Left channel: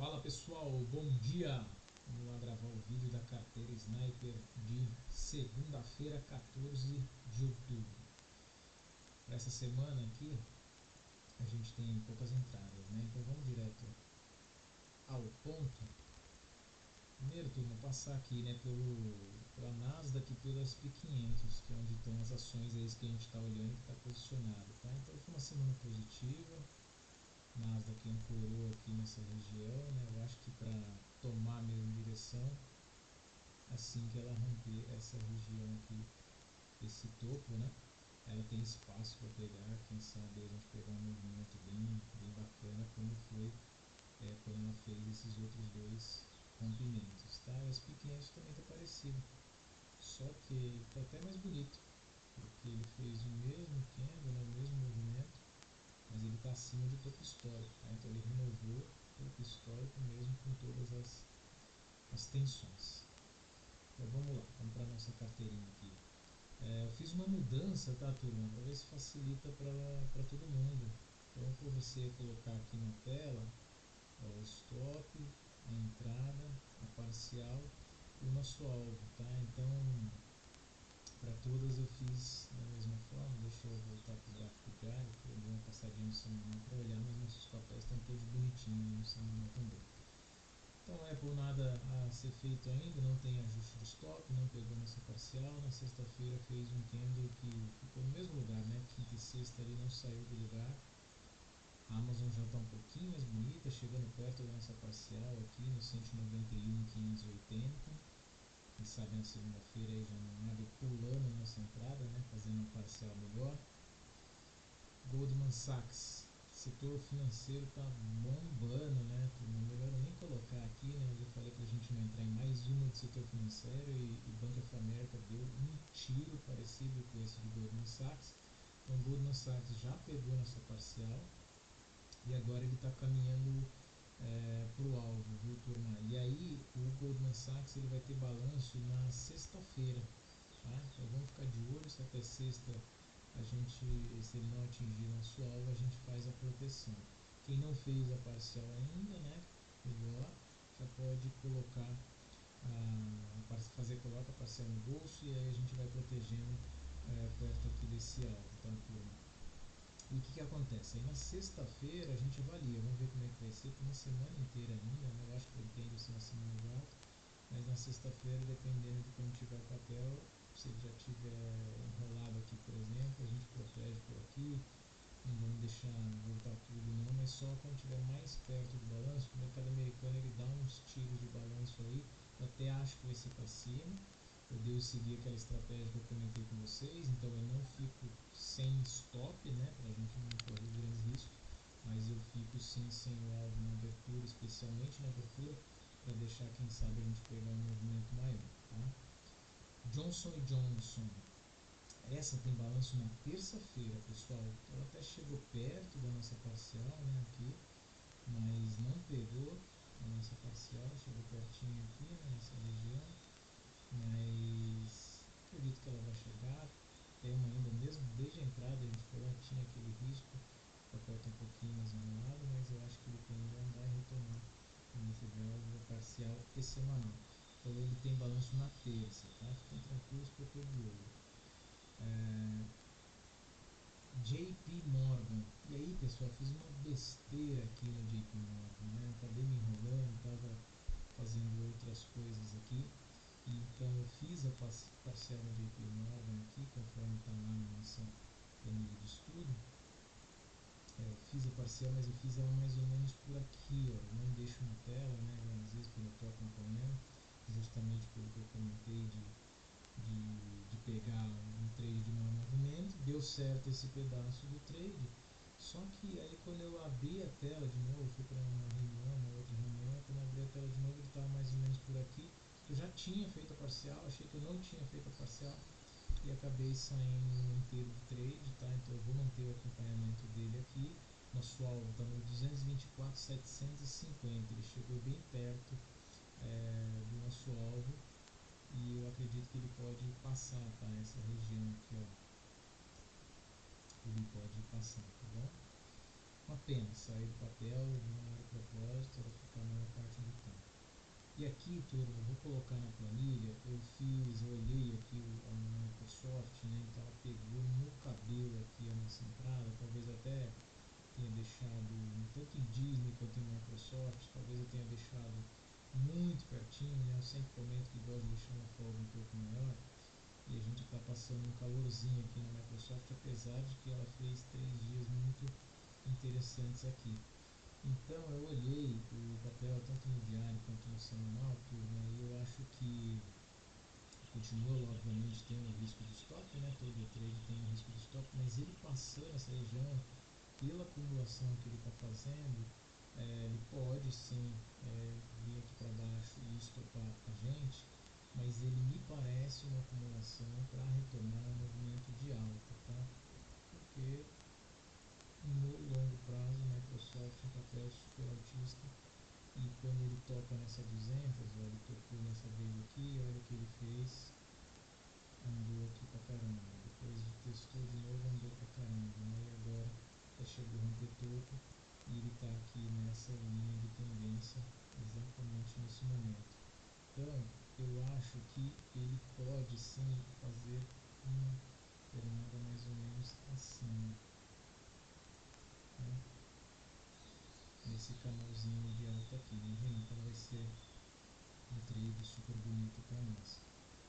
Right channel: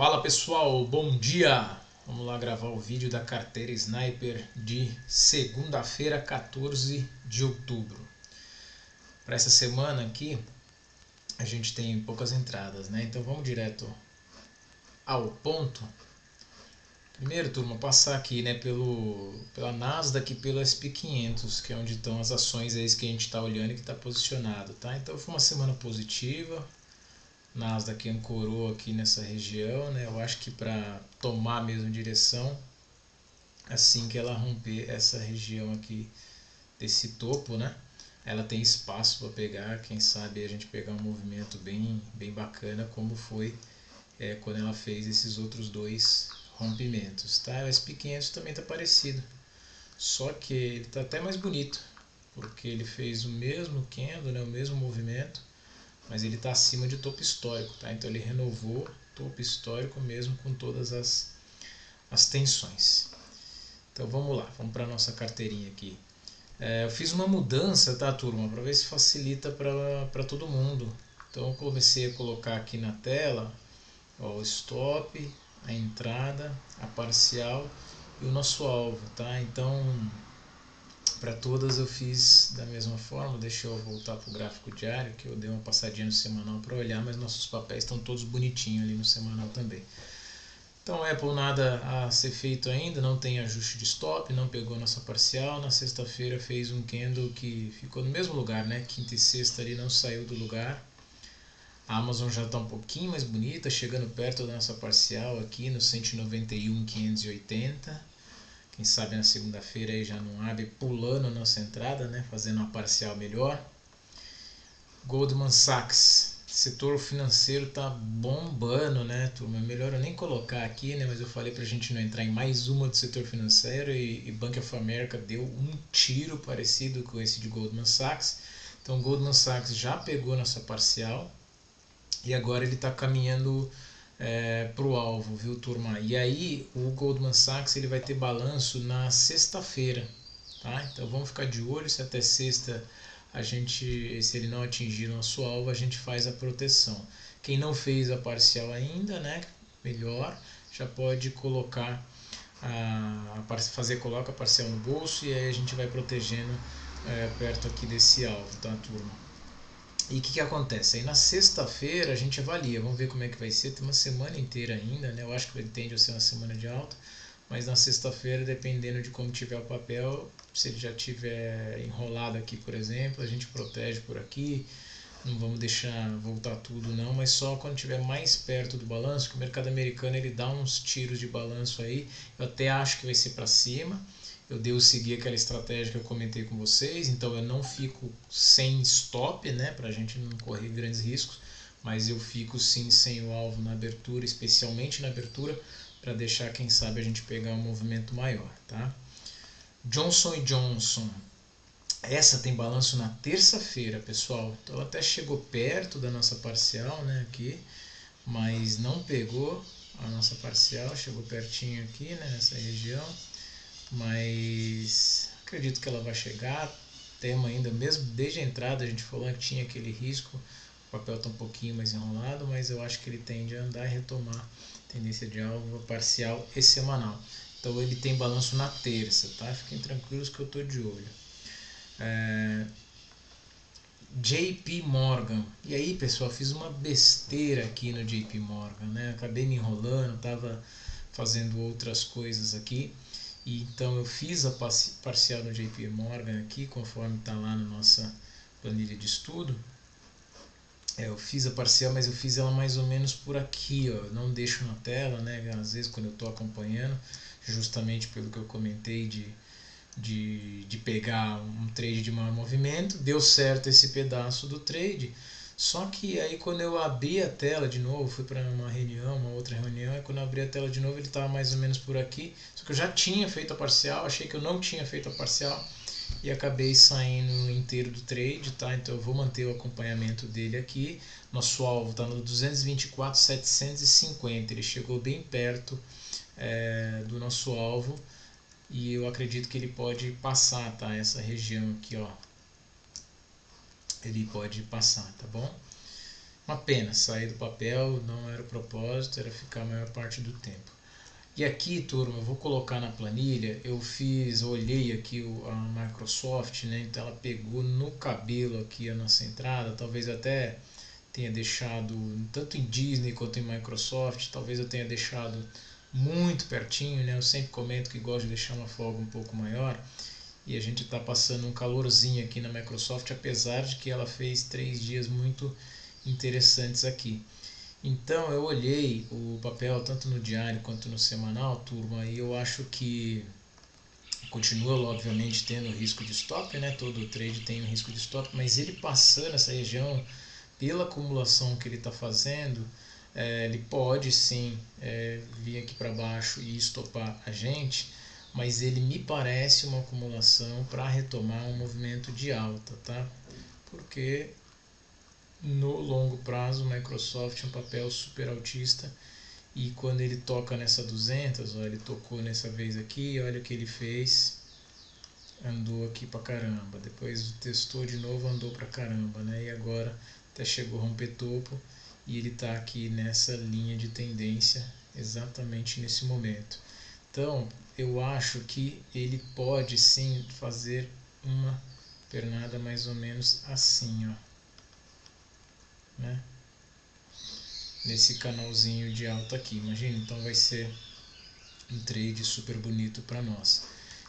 Fala pessoal, bom dia! Vamos lá gravar o vídeo da carteira Sniper de segunda-feira, 14 de outubro. Para essa semana aqui, a gente tem poucas entradas, né? Então vamos direto ao ponto. Primeiro, turma, passar aqui, né, pela Nasdaq e pelo SP500, que é onde estão as ações aí que a gente está olhando e que está posicionado, tá? Então foi uma semana positiva. Nasdaq ancorou aqui nessa região, né? Eu acho que para tomar a mesma direção, assim que ela romper essa região aqui desse topo, né? Ela tem espaço para pegar, quem sabe a gente pegar um movimento bem bacana, como foi quando ela fez esses outros dois rompimentos, tá? O SP500 também está parecido, só que ele está até mais bonito, porque ele fez o mesmo candle, né? O mesmo movimento, mas ele está acima de topo histórico, tá? Então ele renovou topo histórico mesmo com todas as tensões. Então vamos lá, vamos para a nossa carteirinha aqui. Eu fiz uma mudança, tá, turma, para ver se facilita para todo mundo. Então eu comecei a colocar aqui na tela, ó, o stop, a entrada, a parcial e o nosso alvo, tá? Então para todas eu fiz da mesma forma. Deixa eu voltar para o gráfico diário, que eu dei uma passadinha no semanal para olhar, mas nossos papéis estão todos bonitinhos ali no semanal também. Então Apple nada a ser feito ainda, não tem ajuste de stop, não pegou nossa parcial. Na sexta-feira fez um candle que ficou no mesmo lugar, né? Quinta e sexta ali não saiu do lugar. A Amazon já está um pouquinho mais bonita, chegando perto da nossa parcial aqui no 191,580. Quem sabe na segunda-feira aí já não abre pulando a nossa entrada, né? Fazendo uma parcial melhor. Goldman Sachs, setor financeiro tá bombando, né, turma? É melhor eu nem colocar aqui, né? Mas eu falei pra gente não entrar em mais uma do setor financeiro e Bank of America deu um tiro parecido com esse de Goldman Sachs. Então Goldman Sachs já pegou nossa parcial e agora ele está caminhando para o alvo, viu, turma? E aí o Goldman Sachs ele vai ter balanço na sexta-feira, tá? Então vamos ficar de olho se até sexta se ele não atingir o nosso alvo, a gente faz a proteção. Quem não fez a parcial ainda, né? Melhor, já pode colocar coloca a parcial no bolso e aí a gente vai protegendo perto aqui desse alvo, tá, turma? E o que acontece? Aí na sexta-feira a gente avalia, vamos ver como é que vai ser, tem uma semana inteira ainda, né? Eu acho que ele tende a ser uma semana de alta, mas na sexta-feira, dependendo de como tiver o papel, se ele já tiver enrolado aqui, por exemplo, a gente protege por aqui, não vamos deixar voltar tudo não, mas só quando estiver mais perto do balanço, que o mercado americano ele dá uns tiros de balanço aí, eu até acho que vai ser para cima. Eu devo seguir aquela estratégia que eu comentei com vocês, então eu não fico sem stop, né, para a gente não correr grandes riscos, mas eu fico sim sem o alvo na abertura, especialmente na abertura, para deixar, quem sabe, a gente pegar um movimento maior, tá? Johnson & Johnson, essa tem balanço na terça-feira, pessoal, então ela até chegou perto da nossa parcial, né, aqui, mas não pegou a nossa parcial, chegou pertinho aqui, né, nessa região, mas acredito que ela vai chegar. Tema ainda, mesmo desde a entrada a gente falou que tinha aquele risco, o papel está um pouquinho mais enrolado, mas eu acho que ele tende a andar e retomar tendência de alvo parcial e semanal. Então ele tem balanço na terça, tá? Fiquem tranquilos que eu estou de olho. JP Morgan. E aí, pessoal, fiz uma besteira aqui no JP Morgan, né? Acabei me enrolando, estava fazendo outras coisas aqui. E então eu fiz a parcial no JP Morgan aqui, conforme está lá na nossa planilha de estudo. Eu fiz a parcial, mas eu fiz ela mais ou menos por aqui, ó. Não deixo na tela, né? Às vezes quando eu estou acompanhando, justamente pelo que eu comentei de pegar um trade de maior movimento, deu certo esse pedaço do trade, só que aí quando eu abri a tela de novo, fui para uma outra reunião, e quando eu abri a tela de novo ele estava mais ou menos por aqui, só que eu já tinha feito a parcial, achei que eu não tinha feito a parcial e acabei saindo inteiro do trade, tá? Então eu vou manter o acompanhamento dele aqui. Nosso alvo está no 224,750, ele chegou bem perto do nosso alvo, e eu acredito que ele pode passar, tá? Essa região aqui, ó, ele pode passar, tá bom? Uma pena sair do papel, não era propósito era ficar a maior parte do tempo. E aqui, turma, eu vou colocar na planilha, eu olhei aqui a Microsoft, né? Então ela pegou no cabelo aqui a nossa entrada, talvez até tenha deixado, tanto em Disney quanto em Microsoft, talvez eu tenha deixado muito pertinho, né? Eu sempre comento que gosto de deixar uma folga um pouco maior, e a gente está passando um calorzinho aqui na Microsoft, apesar de que ela fez 3 dias muito interessantes aqui. Então eu olhei o papel tanto no diário quanto no semanal, turma, e eu acho que continua obviamente tendo risco de stop, né? Todo trade tem um risco de stop, mas ele passando essa região, pela acumulação que ele está fazendo, ele pode sim vir aqui para baixo e estopar a gente, mas ele me parece uma acumulação para retomar um movimento de alta, tá? Porque no longo prazo, o Microsoft é um papel super altista, e quando ele toca nessa 200, ó, ele tocou nessa vez aqui, olha o que ele fez, andou aqui pra caramba, depois testou de novo, andou pra caramba, né? E agora até chegou a romper topo, e ele está aqui nessa linha de tendência exatamente nesse momento. Então eu acho que ele pode sim fazer uma pernada mais ou menos assim, ó, né? Nesse canalzinho de alta aqui, imagina, então vai ser um trade super bonito para nós.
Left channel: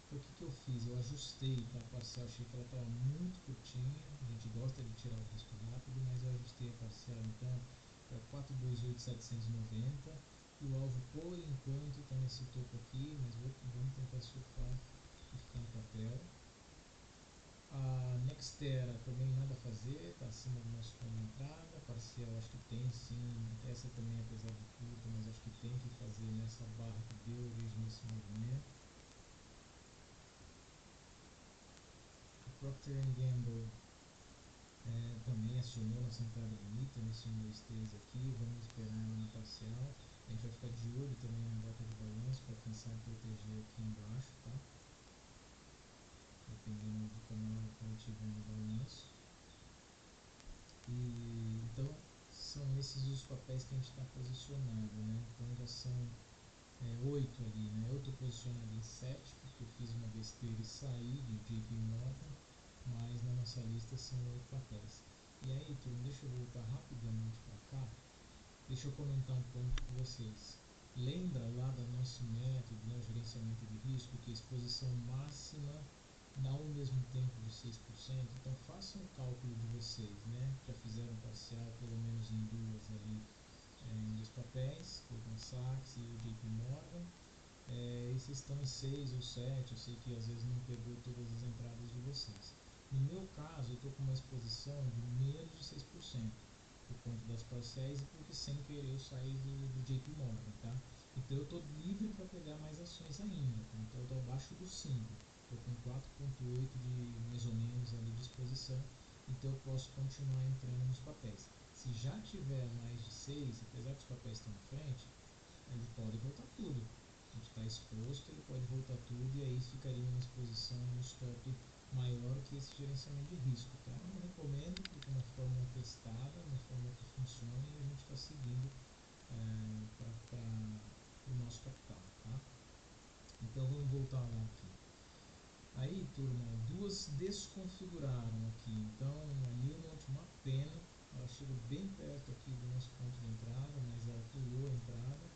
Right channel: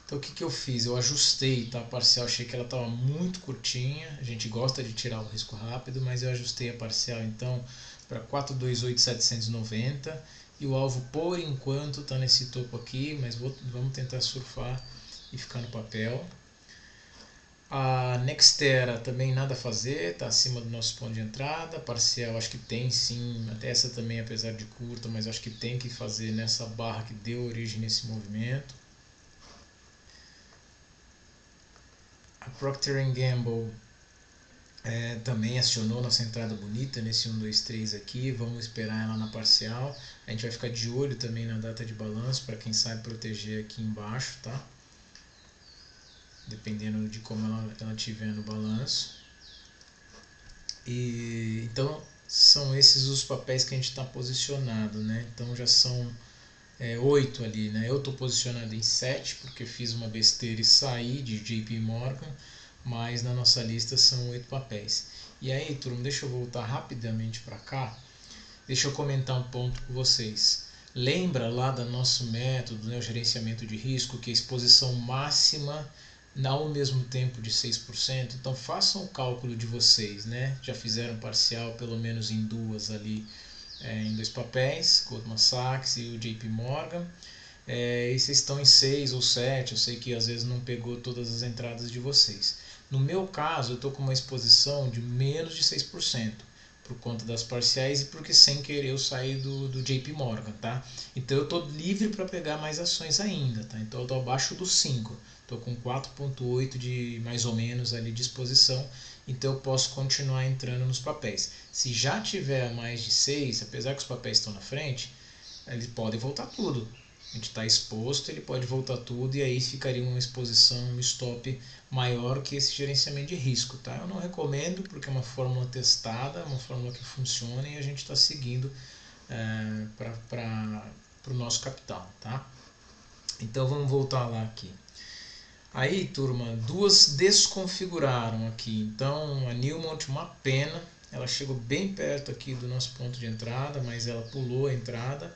Então o que eu fiz? Eu ajustei, tá, a parcial, achei que ela estava muito curtinha, a gente gosta de tirar o risco rápido, mas eu ajustei a parcial então para 428.790, e o alvo por enquanto está nesse topo aqui, mas vamos tentar surfar e ficar no papel. A Nextera também nada a fazer, está acima do nosso ponto de entrada. Parcial acho que tem sim, até essa também apesar de curta, mas acho que tem que fazer nessa barra que deu origem nesse movimento. A Procter & Gamble também acionou nossa entrada bonita nesse 1, 2, 3 aqui, vamos esperar ela na parcial. A gente vai ficar de olho também na data de balanço para quem sabe proteger aqui embaixo, tá? Dependendo de como ela tiver no balanço. E então são esses os papéis que a gente está posicionado, né? Então já são 8 ali, né? Eu estou posicionado em 7 porque fiz uma besteira e saí de JP Morgan, mas na nossa lista são 8 papéis. E aí, turma, deixa eu voltar rapidamente para cá, deixa eu comentar um ponto com vocês. Lembra lá do nosso método, né, o gerenciamento de risco, que a exposição máxima ao mesmo tempo de 6%? Então façam o cálculo de vocês, né? Já fizeram parcial pelo menos em duas ali, em 2 papéis, Goldman Sachs e o JP Morgan. E vocês estão em 6 ou 7, eu sei que às vezes não pegou todas as entradas de vocês. No meu caso, eu estou com uma exposição de menos de 6%, por conta das parciais e porque sem querer eu saí do JP Morgan, tá? Então eu estou livre para pegar mais ações ainda, tá? Então eu estou abaixo dos 5, estou com 4,8 de mais ou menos ali de exposição, então eu posso continuar entrando nos papéis. Se já tiver mais de 6, apesar que os papéis estão na frente, eles podem voltar tudo. A gente está exposto, ele pode voltar tudo, e aí ficaria uma exposição, um stop maior que esse gerenciamento de risco, tá? Eu não recomendo porque é uma fórmula testada, uma fórmula que funciona e a gente está seguindo para o nosso capital, tá? Então vamos voltar lá aqui. Aí, turma, duas desconfiguraram aqui. Então a Newmont, uma pena, ela chegou bem perto aqui do nosso ponto de entrada, mas ela pulou a entrada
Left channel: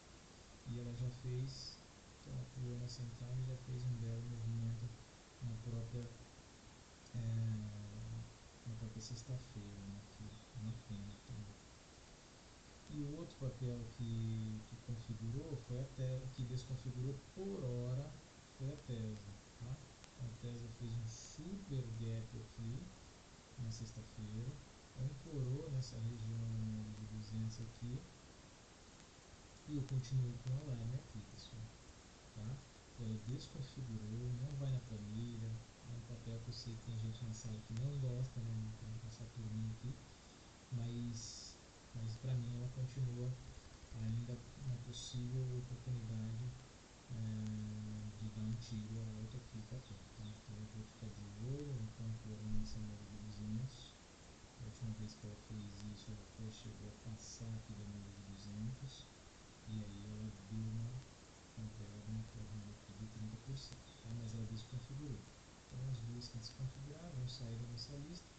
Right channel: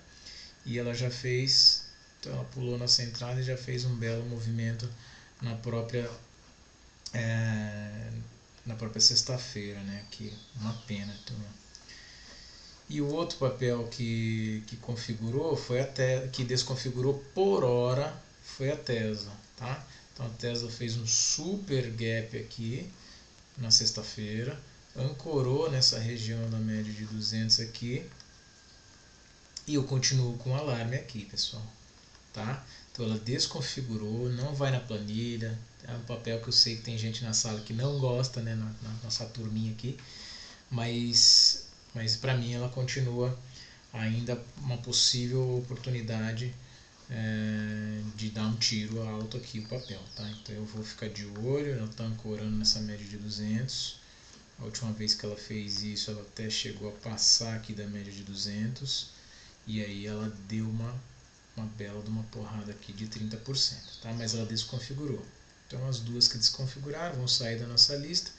e ela já fez, então ela pulou nossa entrada e já fez um belo movimento na própria sexta-feira, né? Aqui, uma pena, turma. E o outro papel que configurou foi que desconfigurou por hora foi a Tesla, tá? Então a Tesla fez um super gap aqui na sexta-feira, ancorou nessa região da média de 200 aqui, e eu continuo com o alarme aqui, pessoal, tá? Então ela desconfigurou, não vai na planilha, é um papel que eu sei que tem gente na sala que não gosta, né, na nossa turminha aqui, mas para mim ela continua ainda uma possível oportunidade de dar um tiro alto aqui o papel, tá? Então eu vou ficar de olho, ela está ancorando nessa média de 200, A última vez que ela fez isso, ela até chegou a passar aqui da média de 200, e aí ela deu uma bela de uma porrada aqui de 30%, tá? Mas ela desconfigurou. Então as duas que desconfiguraram vão sair da nossa lista.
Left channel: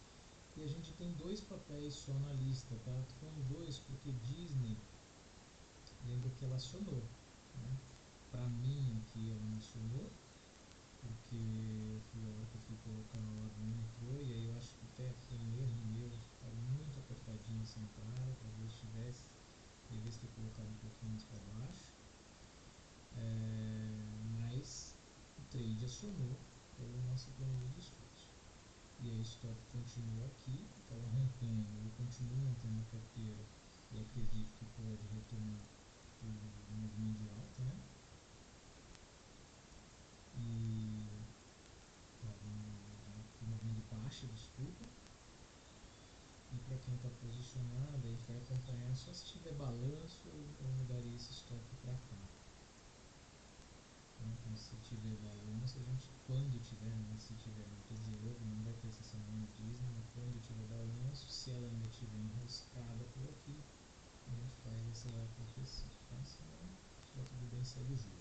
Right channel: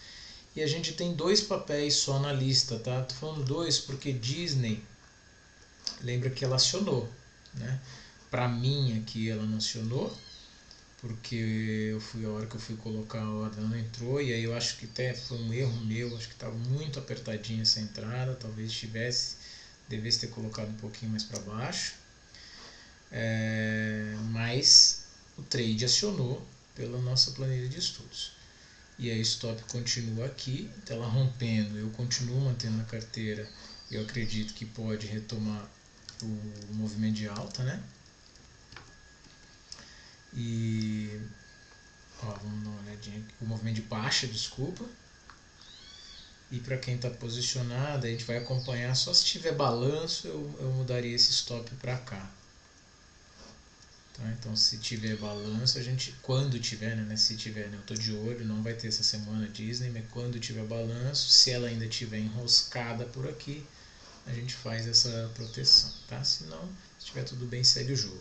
E a gente tem 2 papéis só na lista, tá? Tô falando 2 porque Disney, lembra que ela acionou, né? Para mim aqui ela não acionou, porque a hora que eu fui colocar a ordem ela não entrou, e aí eu acho que até foi um erro meu, acho que estava muito apertadinha essa entrada, talvez devesse ter colocado um pouquinho mais para baixo, mas o trade acionou pela nossa planilha de estudos. E aí o stop continua aqui, então ela rompendo, eu continuo mantendo na carteira, eu acredito que pode retomar o movimento de alta, né? E vamos dar uma olhadinha aqui, o movimento de baixa, desculpa. E para quem está posicionado, a gente vai acompanhar, só se tiver balanço eu mudaria esse stop para cá. Tá? Então se tiver balanço, a gente, quando tiver, né? Se tiver, né? Eu estou de olho, não vai ter essa semana Disney, mas quando tiver balanço, se ela ainda estiver enroscada por aqui, a gente faz essa proteção, tá? Se não, se estiver tudo bem, segue o jogo.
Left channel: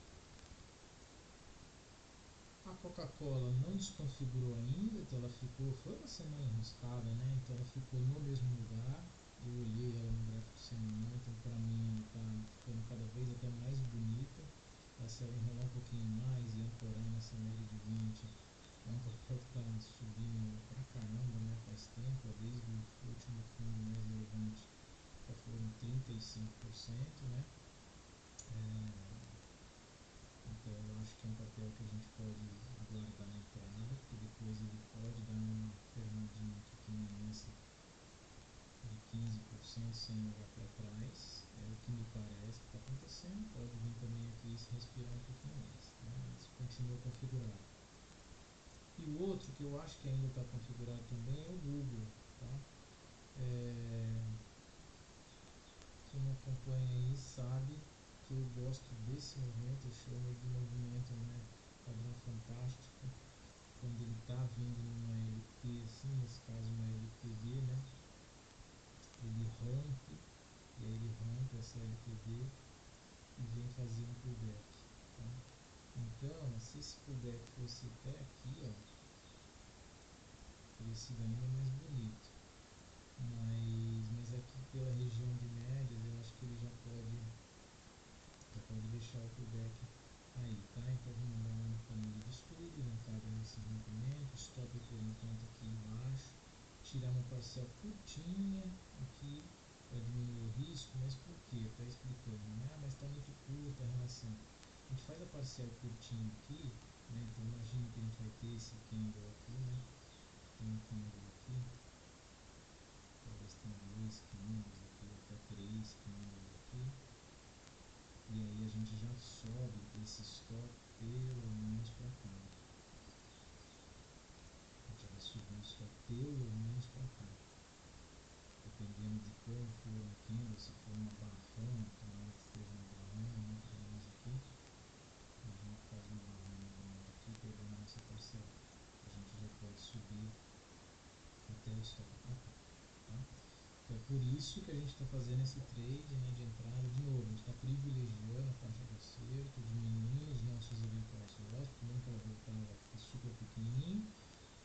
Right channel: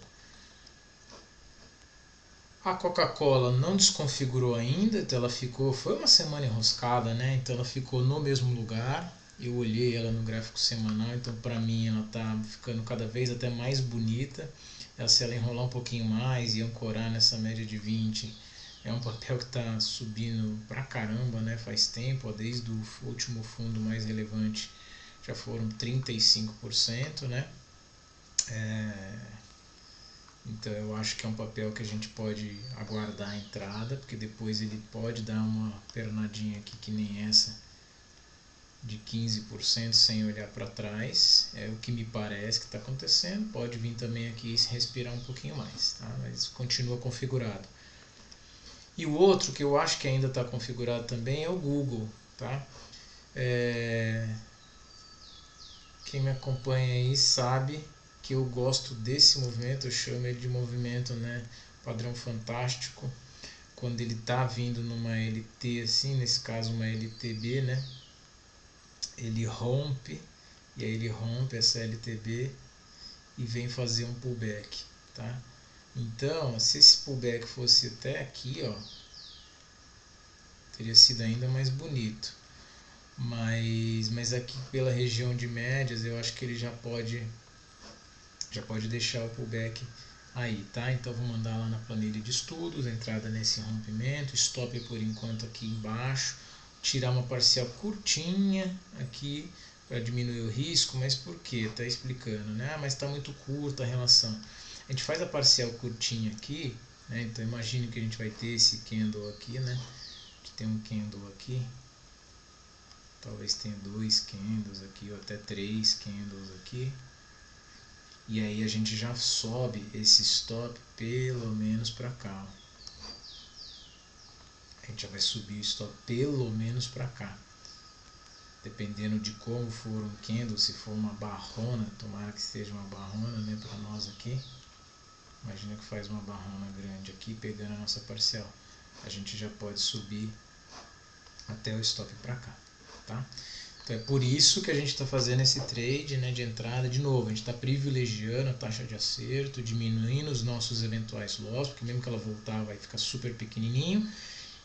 A Coca-Cola não desconfigurou ainda, então ela foi uma semana enroscada, né? Então ela ficou no mesmo lugar. Eu olhei ela no gráfico semanal, então para mim ela tá ficando cada vez até mais bonita. Se ela enrolar um pouquinho mais e ancorar nessa média de 20, é um papel que está subindo pra caramba, né? Faz tempo, desde o último fundo mais relevante já foram 35%, né? Então eu acho que é um papel que a gente pode aguardar a entrada, porque depois ele pode dar uma pernadinha aqui que nem essa de 15% sem olhar para trás. É o que me parece que está acontecendo. Pode vir também aqui e respirar um pouquinho mais, tá? Mas continua configurado. E o outro que eu acho que ainda está configurado também é o Google, tá? Quem me acompanha aí sabe que eu gosto desse movimento, eu chamo ele de movimento, né, padrão fantástico, quando ele está vindo numa LT assim, nesse caso uma LTB, né, ele rompe, e aí ele rompe essa LTB e vem fazer um pullback, tá? Então, se esse pullback fosse até aqui, ó, teria sido ainda mais bonito. Mas aqui pela região de médias, eu acho que ele já pode deixar o pullback aí, tá? Então vou mandar lá na planilha de estudos, entrada nesse rompimento, stop por enquanto aqui embaixo, tirar uma parcial curtinha aqui para diminuir o risco, mas por quê? Tá explicando, né? Mas está muito curta a relação. A gente faz a parcial curtinha aqui, né? Então imagine que a gente vai ter esse candle aqui, né? Que tem um candle aqui, talvez tenha 2 candles aqui ou até 3 candles aqui. E aí a gente já sobe esse stop pelo menos para cá. A gente já vai subir o stop pelo menos para cá. Dependendo de como for um candle, se for uma barrona, tomara que seja uma barrona, né, para nós aqui. Imagina que faz uma barrona grande aqui, pegando a nossa parcial. A gente já pode subir até o stop para cá, tá? Então é por isso que a gente está fazendo esse trade, né, de entrada. De novo, a gente está privilegiando a taxa de acerto, diminuindo os nossos eventuais loss, porque mesmo que ela voltar vai ficar super pequenininho.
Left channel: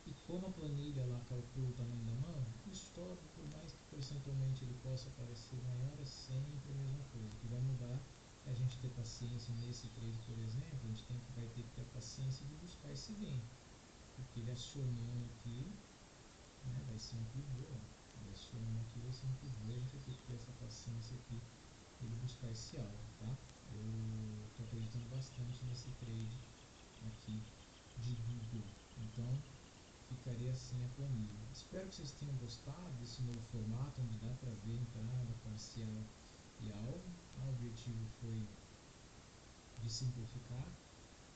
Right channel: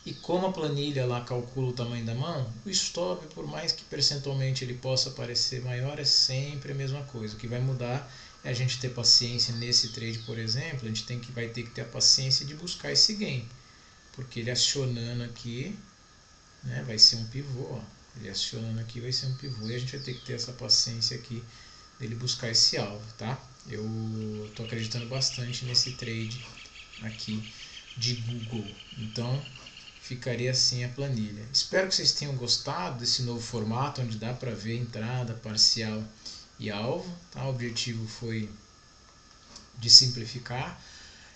E como a planilha lá calcula o tamanho da mão, o stop, por mais que percentualmente ele possa parecer maior, é sempre a mesma coisa. O que vai mudar é a gente ter paciência nesse trade, por exemplo. A gente vai ter que ter a paciência de buscar esse gain, porque ele acionando aqui, né, vai ser um pivô, ó. Ele acionando aqui vai ser um pivô e a gente vai ter que ter essa paciência aqui dele buscar esse alvo, tá? Eu tô acreditando bastante nesse trade aqui de Google, então ficaria assim a planilha. Espero que vocês tenham gostado desse novo formato, onde dá para ver entrada, parcial e alvo, tá? O objetivo foi de simplificar.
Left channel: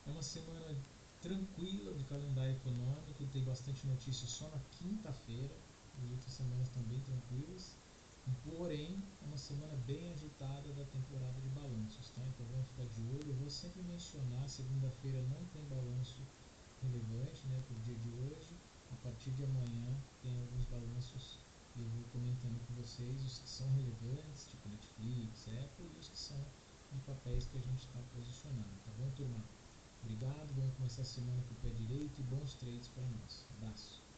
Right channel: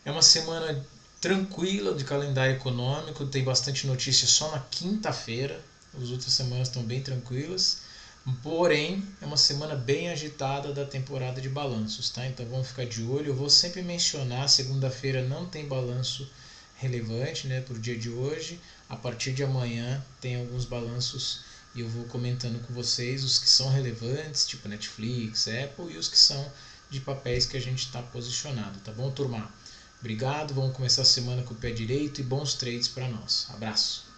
É uma semana tranquila de calendário econômico, tem bastante notícia só na quinta-feira. As outras semanas estão bem tranquilas, porém é uma semana bem agitada da temporada de balanços, tá? Então vamos ficar de olho. Eu vou sempre mencionar, segunda-feira não tem balanço relevante, né, para o dia de hoje. A partir de amanhã tem alguns balanços e eu vou comentando com vocês os que são relevantes, tipo Netflix, Apple, e os que são de papéis que a gente está posicionado, tá bom, turma? Obrigado, vamos começar a semana com o pé direito e bons trades para nós. Abraço!